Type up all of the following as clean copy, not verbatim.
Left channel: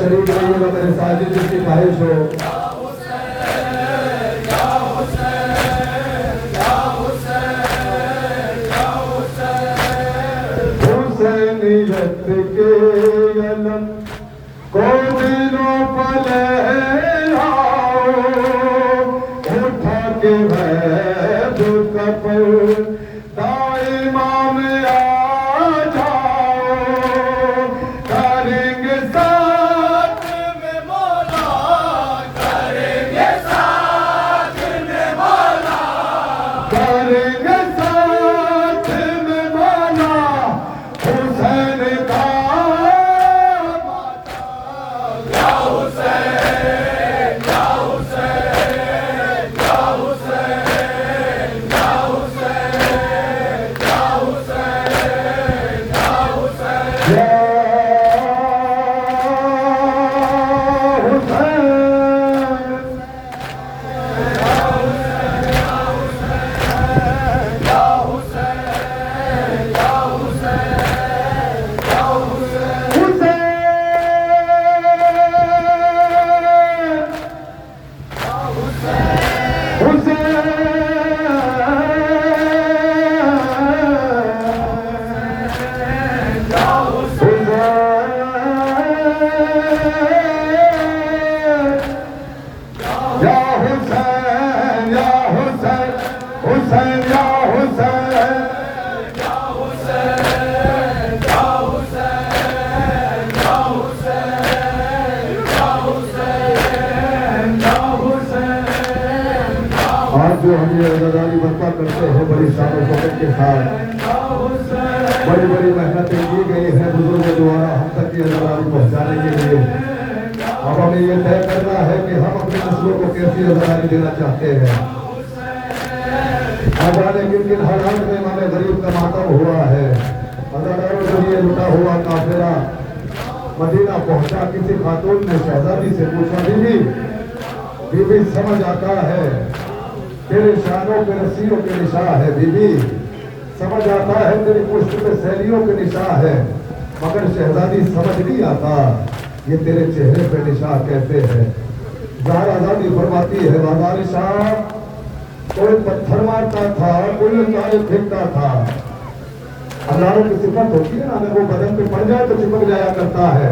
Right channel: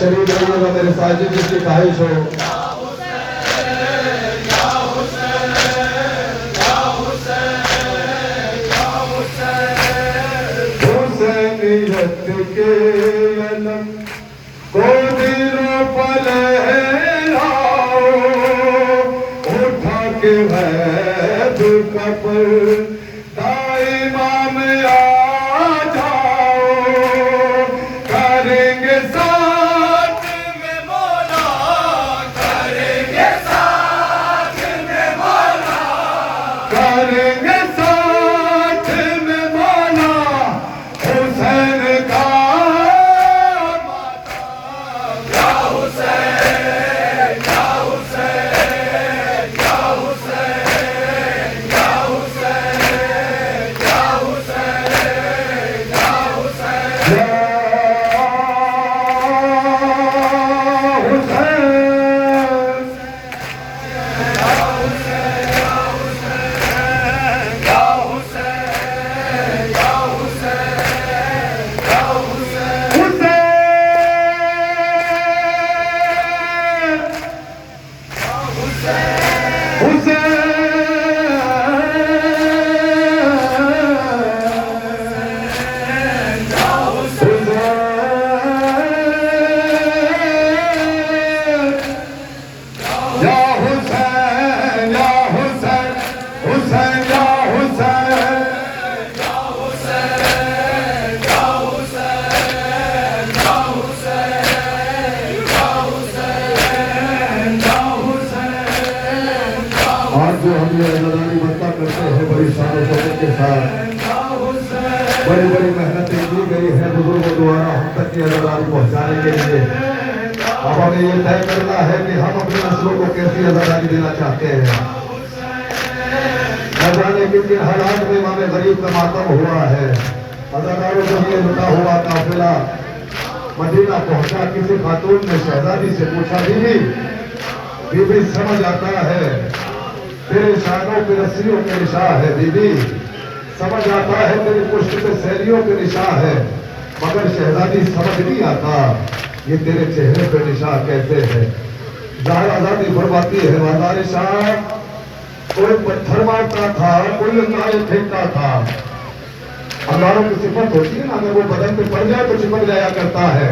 شریف رہیے گا میرے ساجد جس کی خواہش ہو. حسینیت کے علم کو دلوں پر لہراؤ، اٹھا کے غیب کا پردہ امام آ جاؤ، کریں گے ساتھ میں مولا، کریں گے ساتھ میں مولا، کریں گے ساتھ میں مولا، حسین کا ماتا. یا حسین یا حسین یا حسین یا حسین یا حسین یا حسین یا ہم یہ عزاداری برپا کرتے ہیں بڑی شان و شوکت کے ساتھ. بڑی بڑی محنتیں کی گئی ہیں بزرگوں دوارا ہم تک یہ عزاداری پہنچانے کے لیے. اب ہمیں یہ طے کرنا ہے کہ ہم اپنے نسلوں کو کیسی عزاداری دینا چاہتے ہیں. نہ جانے کن کن حالات میں امام غریب کا ماتم ہوا ہے. عزاداروں کو یہ لٹا ہوا قافلہ مدینہ پہنچا. کسی خاتون نے شہزادی سے پوچھا بی بی سمجھ آتا ہے تیرے شانوں پہ رسیوں کے نشاں ہے، بی بی سمجھ آتا ہے تیری پشت پہ سیلیوں کے نشاں ہے، مگر شہزادی سمجھ نہیں آتا یہ تیرے چہرے پہ نشاں کیسے ہے. زہرا زادی فرماتی ہے بازار شاہ کوئی پتھر مارتا تھا، کوئی کالے پھینکتا تھا. ہزاروں کی صفت ہوتی ہے نا، اگر وہ بدن پہ پڑ جائے تو چپک جایا کرتا ہے.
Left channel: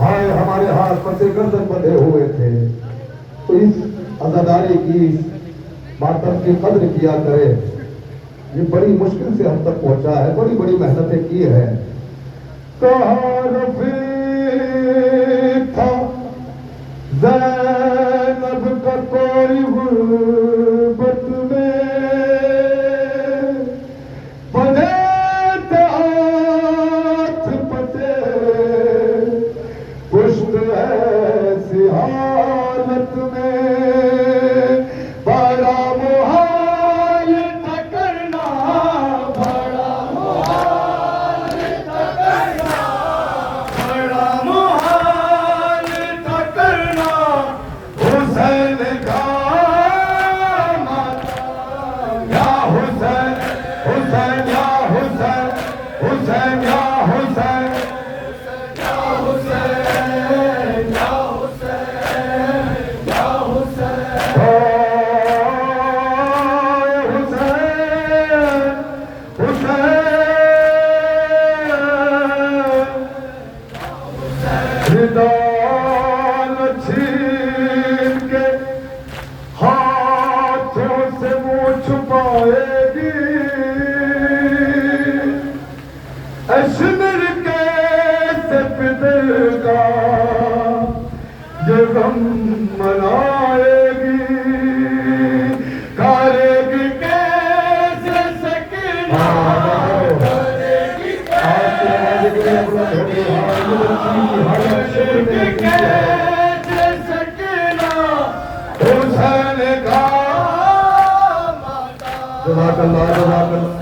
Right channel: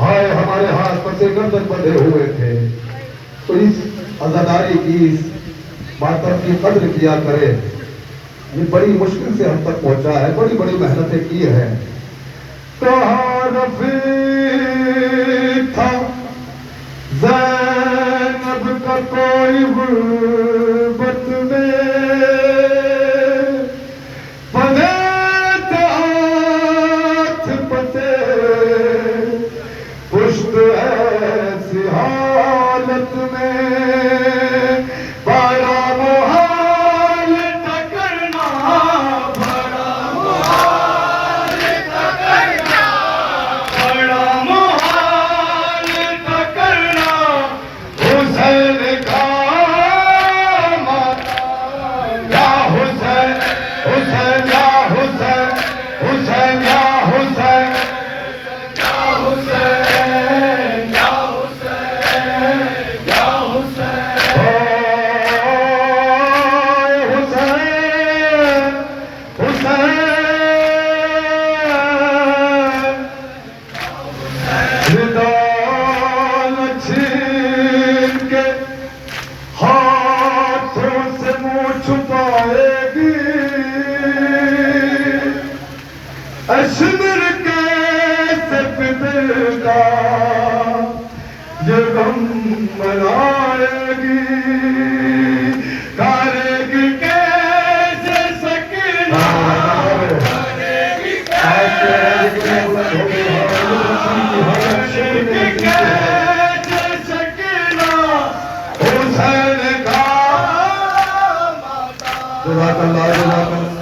ہائے ہمارے ہاتھ پسے گردن بندھے ہوئے تھے. تو اس عزاداری کی اس ماتم کی قدر کیا کرے. یہ بڑی مشکل سے ہم تک پہنچا ہے، بڑی بڑی محنتیں کی ہیں. تعارف تھا زینب کا کوئی غربت میں، शहजादी की हालत शिब्र में नसीब है। हुसैन का जज़ाकल्लाह जज़ाकल्लाह।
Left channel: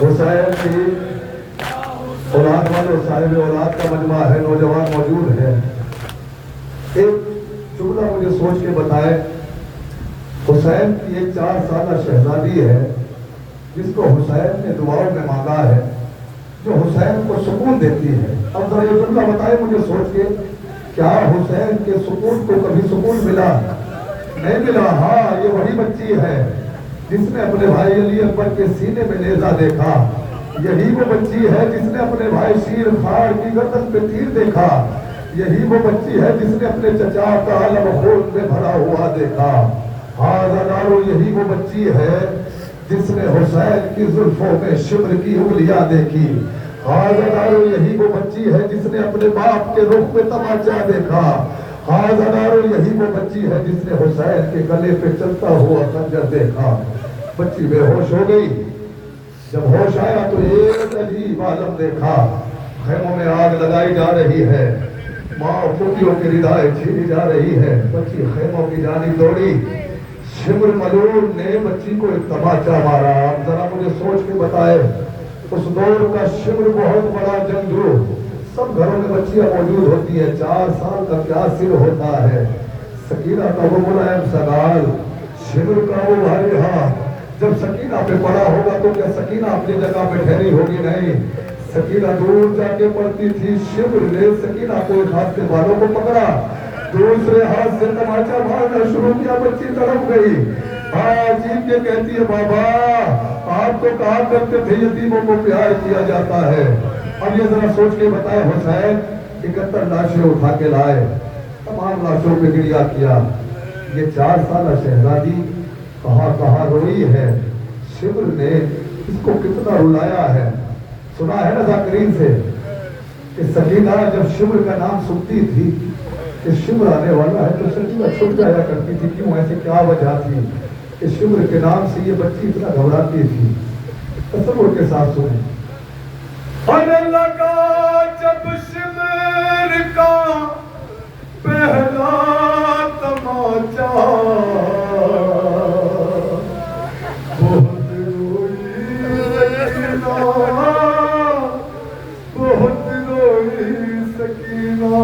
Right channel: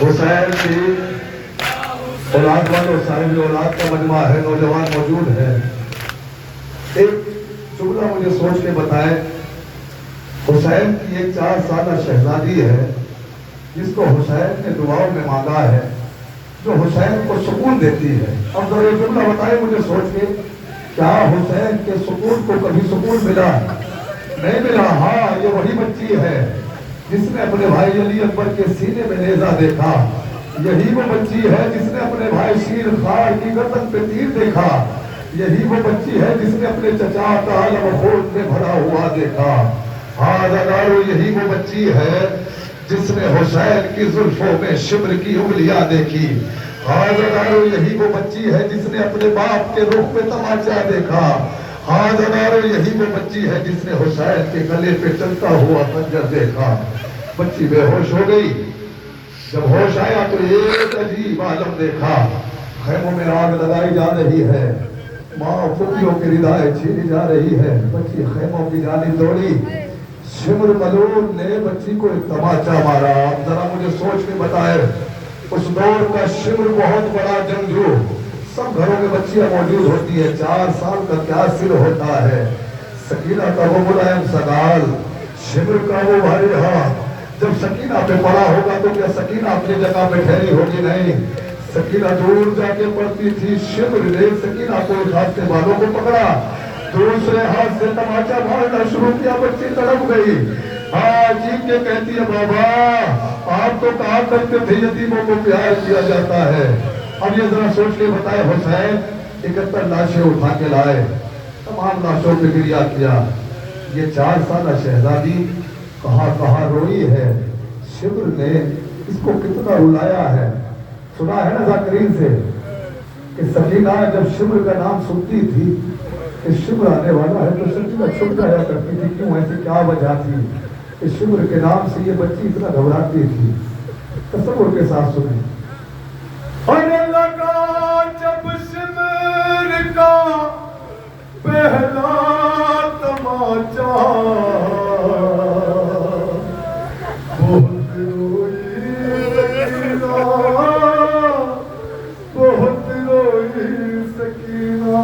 हुसैन की औलाद वाले साहिब औलाद का मजमा है, नौजवान मौजूद है। एक जुमला मुझे सोच के बताए, हुसैन की एक 4 साल शहजादी है जिसको हुसैन ने दुआओं में मांगा है, जो हुसैन को सुकून देती है। अब जरा ये जुमला बताए मुझे सोच के, क्या हुसैन के सुकून को कभी सुकून मिला? नहीं मिला। हाँ, ये वही बच्ची है जिसने अपने भाई अली अकबर के सीने में नेजा देखा। यही वो बच्ची है जिसने अपने भाई शीर खार की गर्दन पे तीर देखा। यही वो बच्ची है जिसने अपने चचा का अलम खून में भरा हुआ देखा। हाँ जगारो, यही वो बच्ची है जिसने हुसैन की जुल्फों में शिब्र की उंगलियां देखी। हाँ जगारो, यही वो बच्ची है जिसने अपने बाप के रुख पे तमाचा देखा। हाँ जगारो, यही वो बच्ची है जिसने हुसैन के गले पे चलता हुआ खंजर देखा। बच्ची बेहोश हो गई। जब होश आया तो एक अजीब आलम देखा। खैमों में आग लगाई जा रही है, माँ फूफियों की रिदाएं छीनी जा रही है। बच्ची खैमों की जानिब दौड़ी। शिब्र मलून ने बच्ची को एक तमाचा मारा। जरा मुझे सोच के बताए, उस दौर का शिब्र बहुत बड़ा जंगजू, सब घरों में बच्चियां मौजूद होती है। 4 साल का क्या सिर होता है, सकीना का वो मुलायम सगाल, शिब्र का वो भारी हाथ। जब सकीना पे पड़ा होगा तो क्या सकीना अपनी जगह पे ठहरी होगी? नहीं, सकीना दूर जाके पड़ती थी। शिब्र ने सकीना को एक हाथ से बालों को पकड़ा, दूसरे हाथ से तमाचा मारना शुरू किया। बच्ची तड़प गई। हाँ, चीख के कहती है, बाबा आप तो कहा करते थे यतीमों को प्यार किया जाता है। अब ये जरा सोच के बताए, हुसैन 71 लाशें उठा के लाए, तमाम लाशों पे गिरिया किया। ये 4 साल शहजादी कहाँ कहाँ रोई है। शिब्र ने इसको कितना रुलाया है। सुना है ना जाकरीन से कि सकीना जब शिब्र का नाम सुनती थी कि शिब्र आने वाला है तो सकीना छुप जाया करती थी। क्यों, ऐसे क्या वजह थी? इस शिब्र के नाम से ये बच्ची इतना घबराती थी। तसव्वुर के साथ सुने। अरे लगा जब शिब्र का पहला तमाचा, बहुत रोई सकीना, बहुत रोई सकीना।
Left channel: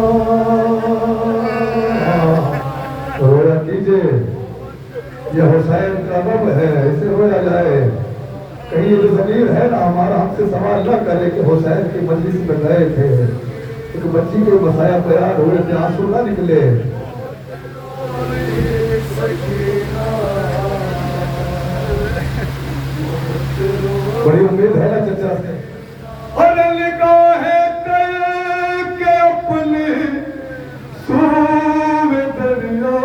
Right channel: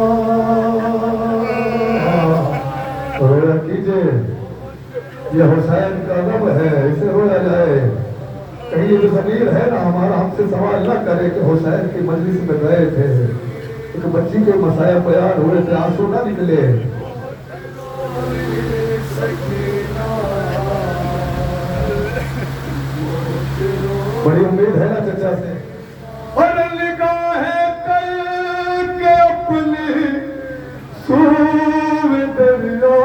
रोया कीजिए, ये हुसैन का रब है, इसे रोया जाए। कहीं ये जो ज़मीर है ना हमारा, हमसे सवाल न करे कि हुसैन की मजलिस में गए थे तो बच्ची के मसाया तैयार हुए थे, आंसू ना निकले। बड़ी उम्मीद है ना चचा से। अरे निगाहें करके अपनी सूर दरिया,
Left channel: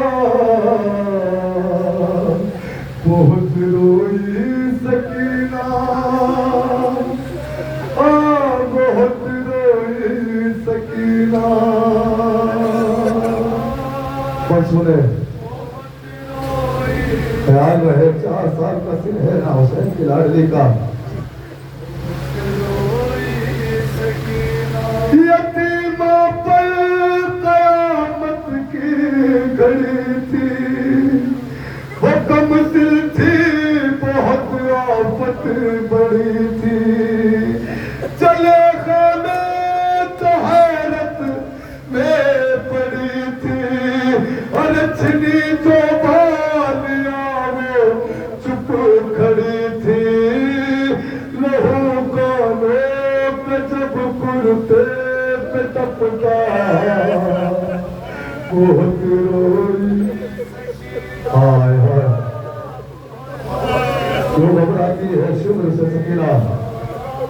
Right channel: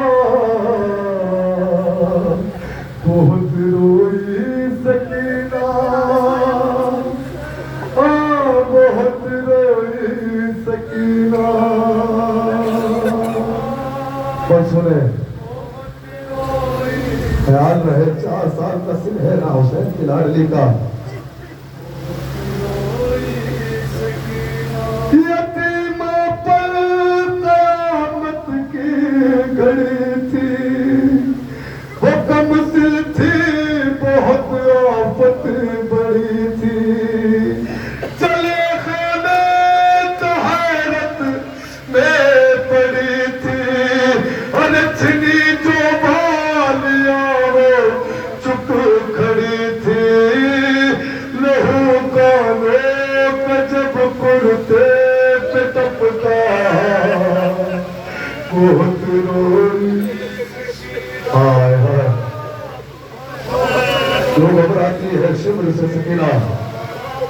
बहुत रोई सकीना, बहुत रोई सकीना। पर सुने, ख्याल रहे 4 साल का सिर है ना हुसैन की लाडली का। यतीमा पर कयामत की घड़ी थी, वो कमसिल थी, बहुत आफत बड़ी थी। चले खाने तो हैरत में पड़ी थी, और छिनी जो बालियां वो चुप खड़ी थी। लहू कानों पे जब कुर्ते पे टपका, बहुत रोई। हाय हाय, लोग घबराती है शिब्र से सकीना।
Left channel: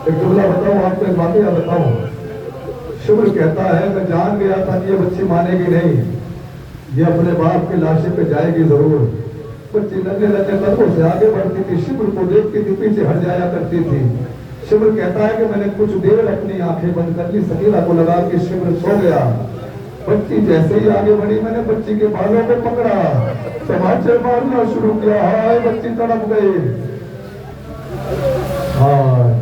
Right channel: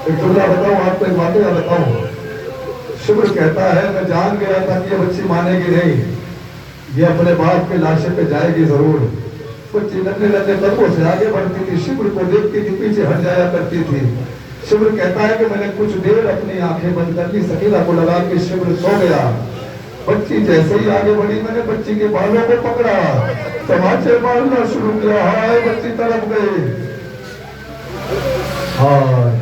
एक जुमला बताऊं आपको, एक वाकया बताऊं। शिब्र कहता है, मैं जान गया था कि ये बच्ची मानेगी नहीं, ये अपने बाप के लाशे पे जाएगी जरूर। बच्ची लंबे लंबे कदमों से आगे बढ़ती थी, शिब्र को देखती थी, पीछे हट जाया करती थी। शिब्र कहता है कि मैंने कुछ देर अपनी आंखें बंद कर ली, सकीना को लगा कि शिब्र सो गया। बच्ची जैसे ही आगे बढ़ी, मैंने बच्ची के बालों को पकड़ा, तमाचे मारना शुरू किया। हाय बच्ची तड़प गई। हाय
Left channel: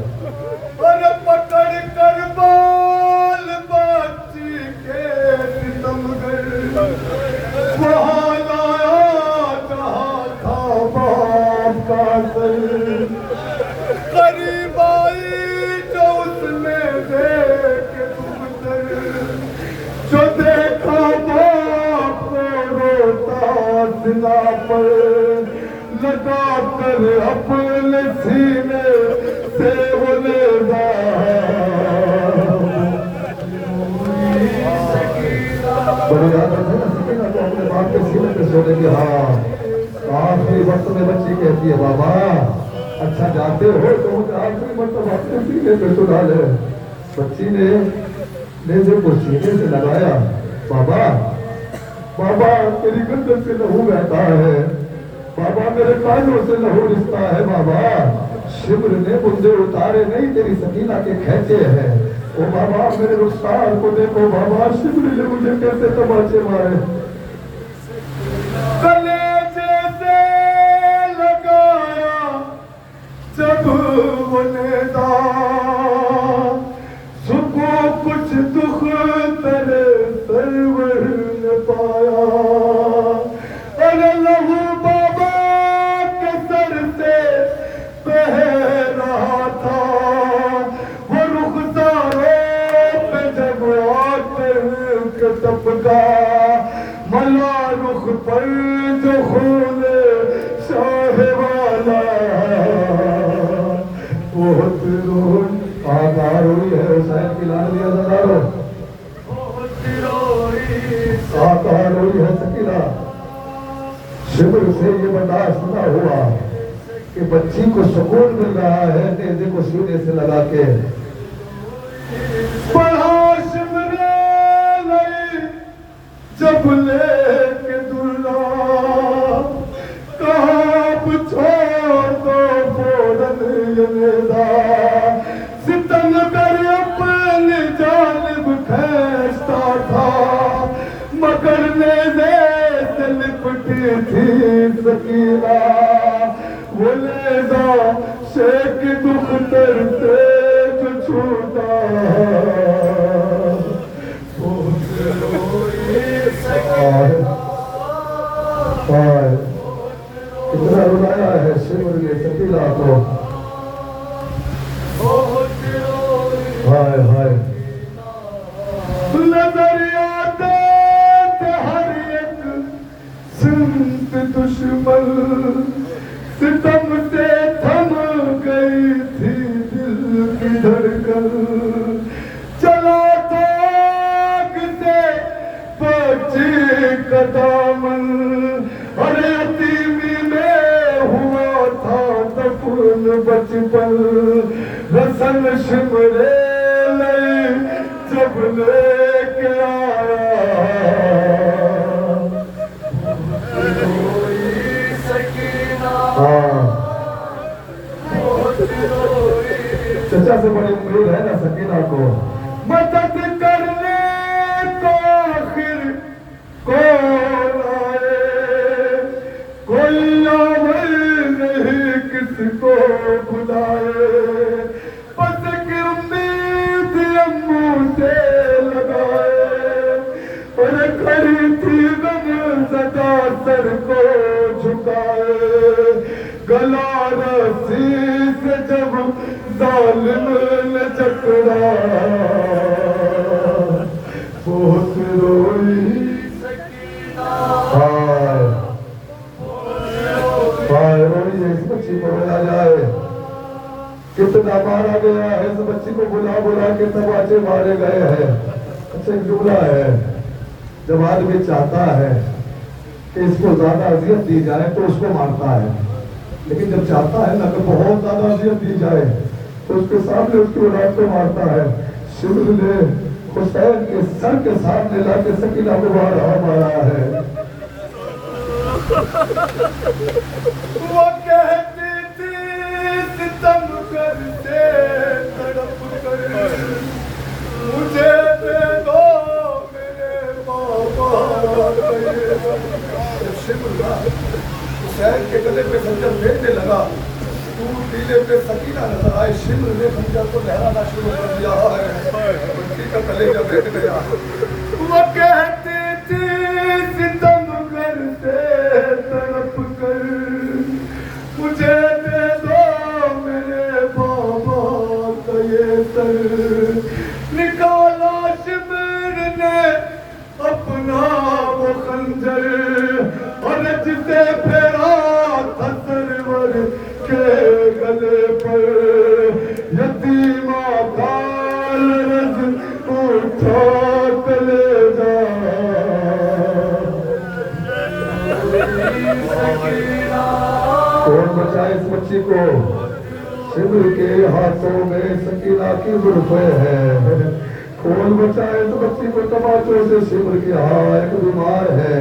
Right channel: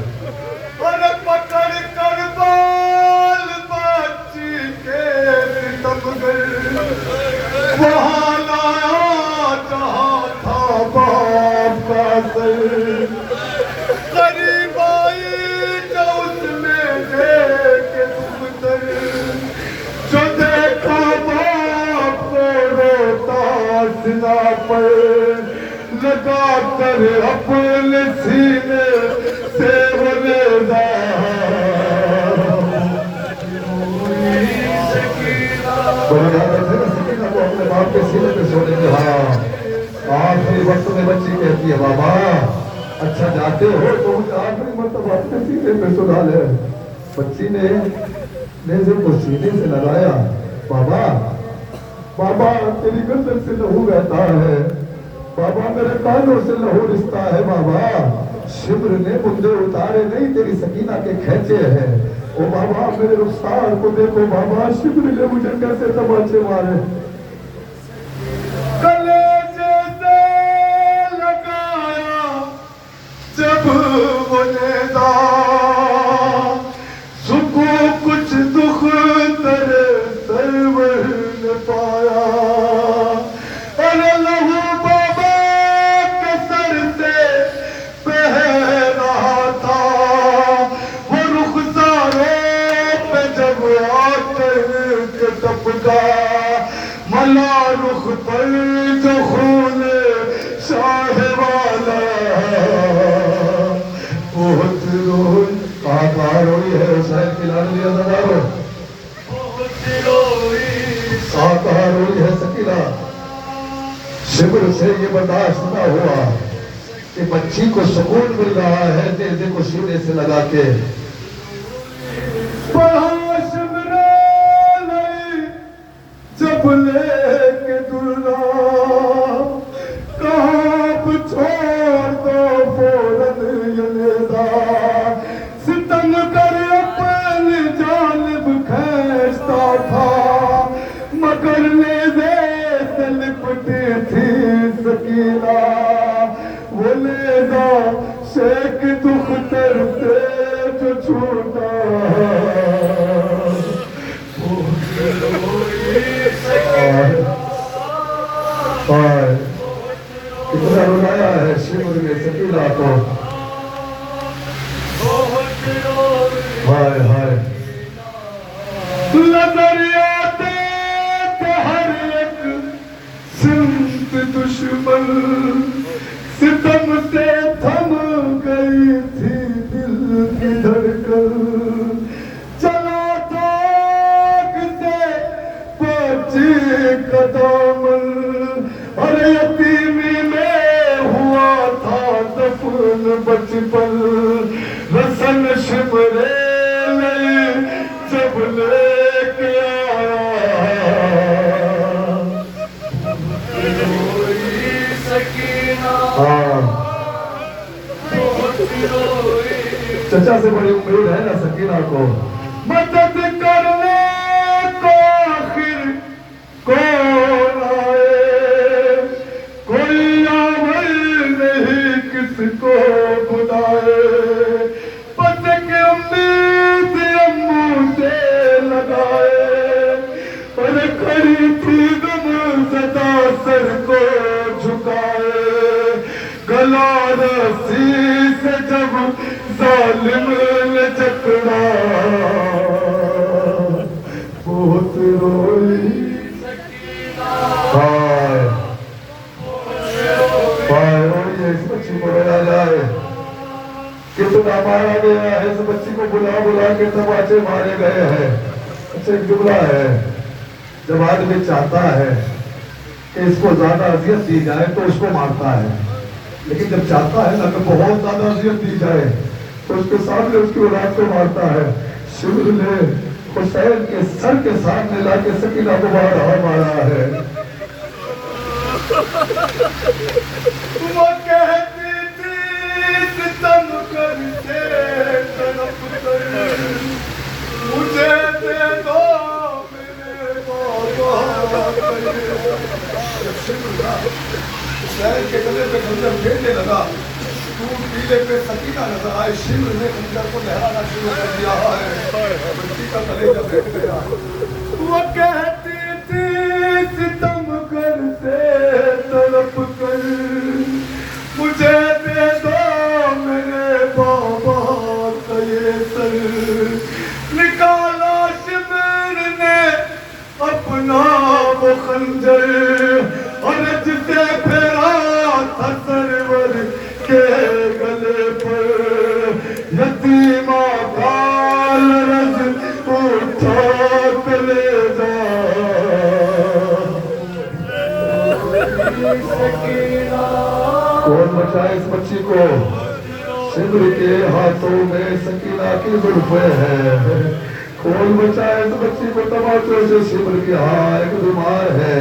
और पकड़ कर बाल बच्ची के दम गए। वहाँ लाया जहाँ था बाप का सर। करीब आई तो उसमें देख तुम तर। जो देखा बाप को रोता सिला पर। लगा कर अपने सीने से बोले आखिरी वक्त में बच्ची कहती है बाबा अच्छा जाते हो तो आखिरी मतलब अपने सीने पे सुना ले। बच्ची ने जब वो सीने से लगाया बाबा बाबा तेरी गर्दन से लहू बहता है। बाबा मेरे कानों से लहू रिश्ता है। बाबा शिवर ने मुंडे उतारे नहीं तेरी सकीना के खेचे हैं। ओ बाबा मेरे रुखसार को देखो बाबा शिवर ने मुझे कैसे तमाचे मारे। कलेजे से लगाया जब वनेदा। सुको कुछ दुख तेरे सरवर न पाया। अरे लहू बाबा के सर से बह रहा था। वो रुखसारों पे जब आते के टपका। मला रुख पर जो खून शाह वाला। बहुत रोई आकार हुई है शायद की लाडली अदादारो। आकार हुई है सकीला। शिविर से ये बर्दाश्त न हुआ कि बच्ची को सुकून मिल रहा है तेजे को सीने से लगा के। पढ़ा शिवरे लई जब लेके दुर्ना। कहाँ छोड़ दो फौरन यनेदा। सितम कर अपनी जानिब खींचता था। मगर नेज़े से लिपटी थी सकीना। वो नेज़ा शेख दुख्तर से जो छूटा। कितना रुलाया है शिविर ने सकीला को। हाय हाय नजर आते थे हर एक सिमत दुश्मन। सितम से थम गई थी दिल की धड़कन। चला ताक से बची कदमन। और यतीमी में हुआ था दफन बचपन। रसन शिमरे लई जब लेके आया। चचा से बड़ी उम्मीद है ना सकीना को। मदद करने को आखिर कौन आए। कोई आमल नहीं किसको बुलाए। बस के उम्मीद अम्मू से लगाए। और खड़ी थी गम सदा सर को झुकाए। गला रस्सी से जब जालिम ने जकड़ा। बहुत रोई हाय हाय रोई है इस बच्ची को रोया जाए। कितना मारा गया है इस बच्ची को बुला बुला के तमाचे मारे गए हैं। अच्छा एक जुमला है जब आदमी चाहता है कि इसको ज्यादा अजियत दी जाए तो उसको मारता है। लेकिन जब चाहता है ना कि बहुत ज्यादा अजियत दी जाए तो उसके सामने उसकी औलाद को मारता है। शिविर ने हुसैन के सर के सामने लाके सकीना को मारा है। वो कहती थी सितम करते तड़प कर। मुझे दे दो मेरे बाबा। सिमरना शहर के गले पे खंजर फेंकने लगा, तू टीले पे सकीना नजर आए, शिमर ने खंजर को लहराना शुरू कर दिया है, बंटी का कलेजा बैठ गया। वो कहती थी सितम करते तड़प कर, मुझे दे दो मेरे बाबा का ये सर, निकाला शिमर ने अपना वो खंजर, अरज से फेरा था सरवर के गले पर, यतीमा काल रज उठा कलेजा। कौन बचाए इस बच्ची को? सिंदूर के हाथों में सकीना की जुल्फें हैं। कौन बचाए इस बच्ची को तमाचों से? सिंदूर की हार एक बीमार है।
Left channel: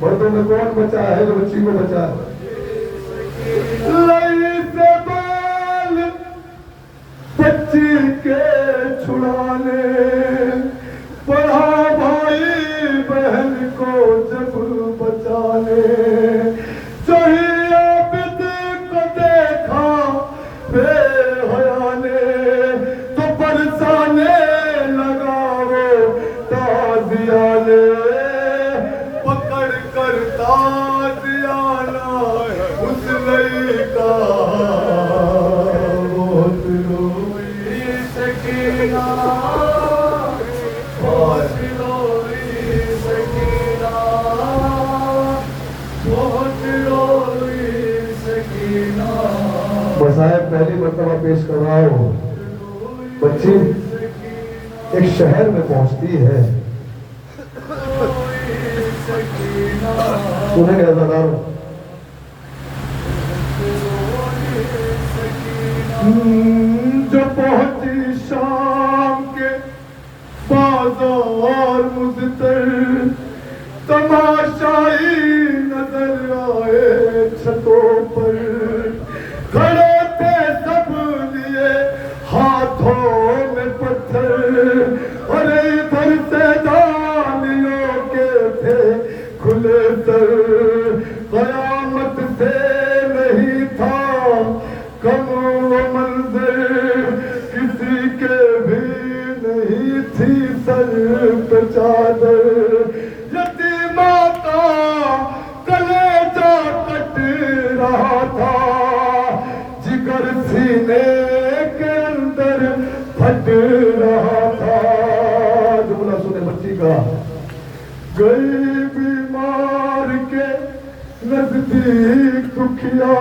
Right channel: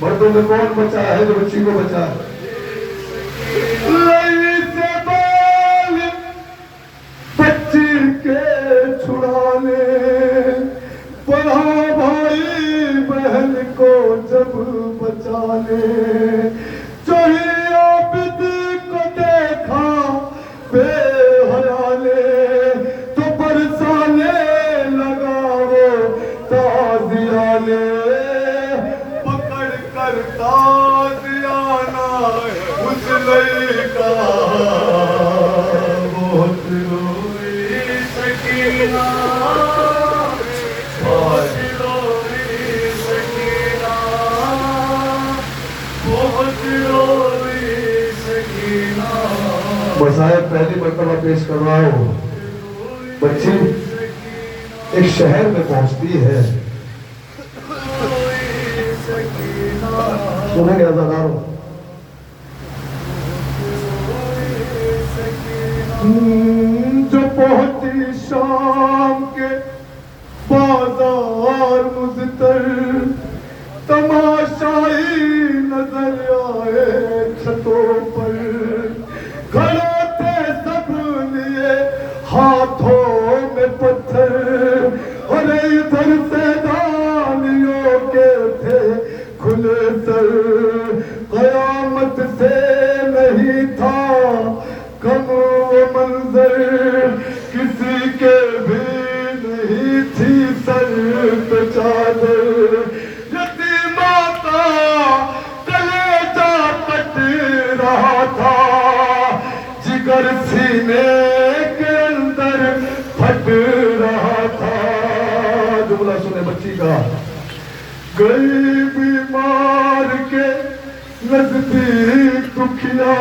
मर्दों में कौन बचा है जो बच्ची को बचा? लई से बाल बच्ची के छुड़ाने, पढ़ा भाई बहन को जब बचाने, जो ही आबिद को देखा बेहया ने, तो बरसाने लगा वो ताजिया ले, पकड़ कर ताजियाना उस लड़का बहुत रोई सकीना, बहुत रोई सकीना, बहुत रोई सकीना। बसाए पहली मरतबा पेश कर रहा हूँ। बच्ची एक शहर में पहुंचती है। सुने रज़ादारों, जो पहुंची शाम के बाजार मुज़तर, तमाशाई नजर आए छतों पर, खड़े थे सब लिए हाथों में पत्थर, और इधर से दानियों के थे खुले सर, कयामत से नहीं था कम वो मंजर, किसी के भी नहीं थी सर पे चादर, यतीमा का कलेजा कट रहा था, जिगर सीने के अंदर फट रहा था। जुमला सुने बच्ची का। गई बीमार के नजदीक दुखिया,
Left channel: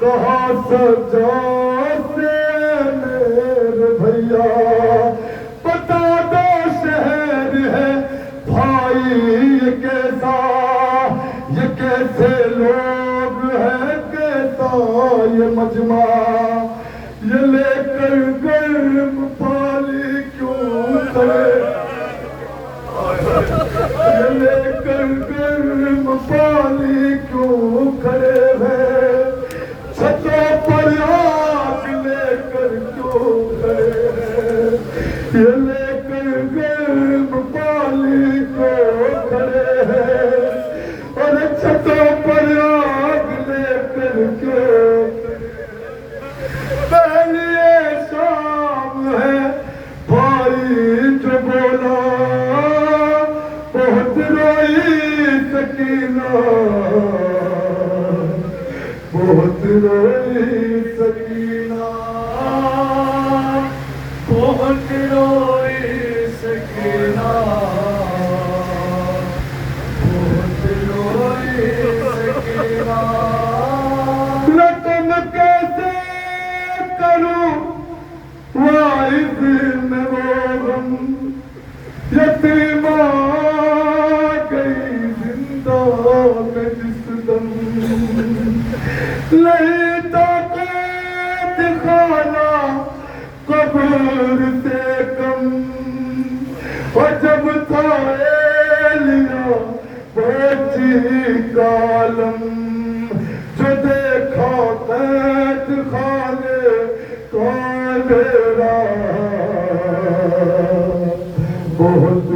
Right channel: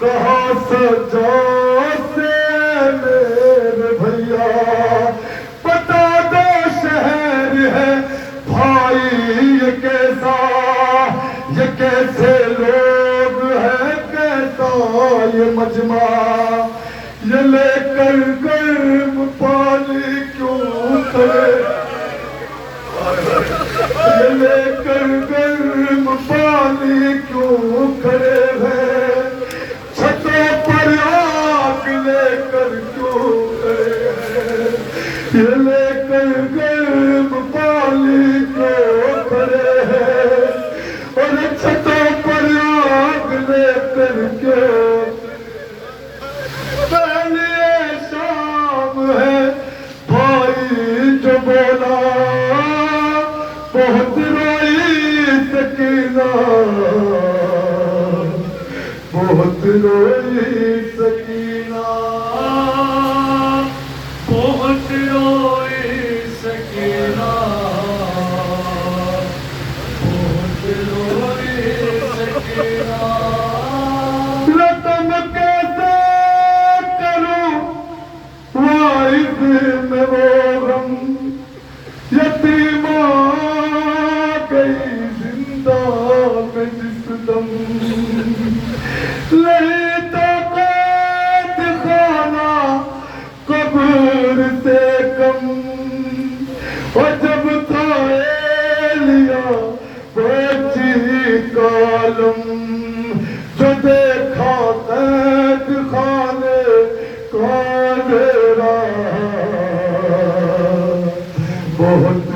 कहा सजा से मेरे भैया, बता दो शहर है भाई ये कैसा, ये कैसे लोग हैं, कैसा ये मजमा, ये लेकर गर्म पानी क्यों करे, ये लेकर गर्म पानी क्यों खड़े हैं, छतों पर आग लेकर क्यों खड़े हैं, ये लेकर गर्म पानी क्यों खड़े हैं, और छतों पर आग लेकर क्यों। पहली शाम है भाई जो बोला, बहुत रोई सकीना, बहुत रोई सकीना, बहुत रोई सकीना, बहुत रोई सकीना। रकम कैसे करूं वाइफ में वो गम, यतीमा गई जिंदा में जिस दम, नहीं ताकत खाना कब्र से कम, और जब था लिया बची कालम, जो देखा कैद खाने काले बहुत